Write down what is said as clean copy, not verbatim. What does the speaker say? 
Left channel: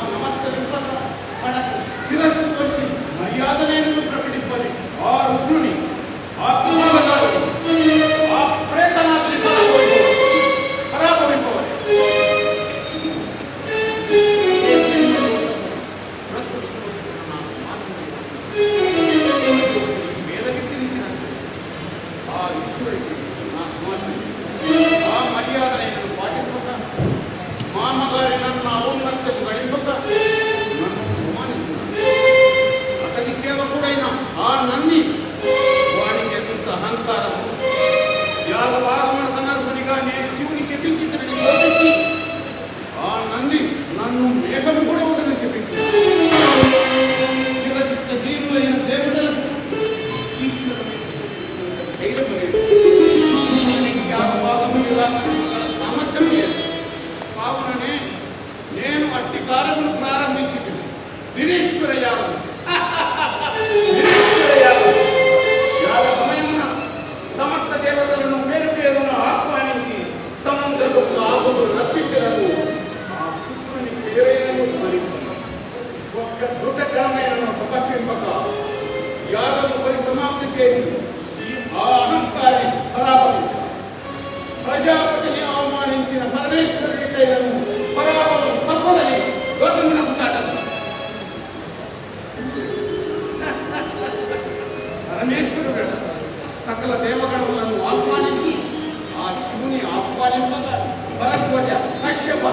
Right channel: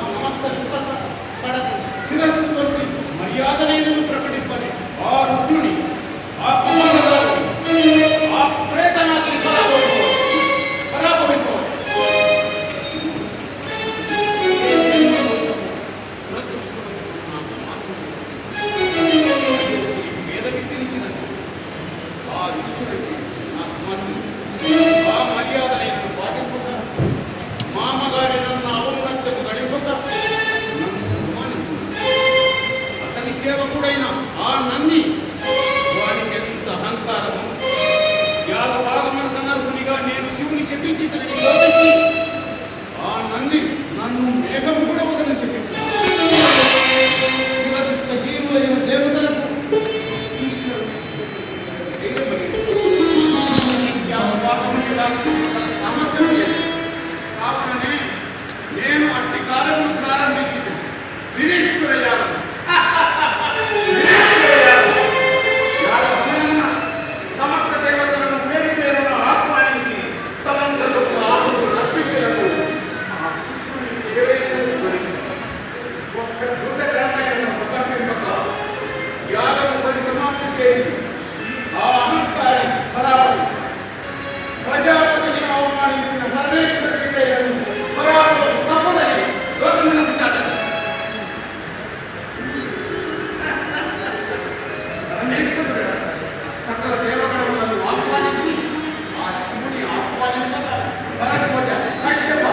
నాకు నమస్కరింపక పడకు శిరస్సు వచ్చి మర్యాదనైనను ప్రకటింపని ఆ రుద్రుని ఆ కపాలగారిని ఆ ప్రేతనాథుని పరాభవింపవాలి. ఆ ఈశ్వరుడికి నా కుమార్తె ఆ మర్యాదనైనను పాటింపక మా అమ్మగారి నన్ను ఔన్నత్యము గడింపక నన్ను అవమానిస్తున్నాడు. అతని సేవకుడైన ఆ నంది వాడికి ఎంత అహంకారము. యాగభాగమునకు అనర్హునిగా నేను శివుని చెప్పించితని లోపించి ఆ నంది నన్ను మేఘము కూడా ఒకరిని చెప్పించున్నాడు. శివచిత్త జీవులైన దేవతలకు సామర్థ్యం లేదు. కావుననే నేను అట్టి కార్యములు ప్రారంభించింది వీరేశ్వర యాగం. యాగ సమయమున సమస్త దేవతలను పేరు పేరున ఆహ్వానించి సమంతలకు ఆపులు రప్పించలను ఒక్క ధృతగ్రామైన సమర్పింపక యాగము పరిసమాప్తి చేసి ఆ అహంకారి పరాభవి ప్రజాపతిని అవమానించిన పరమేశ్వరుడికైనను పరాభవం తప్పదని లోకమునకు చాటదు. పరమేశ్వరుడు సకల దేవగణములను ఆహ్వానించి ఆ శివుని ఆహ్వానింపగా భరద్వాజ కశ్యప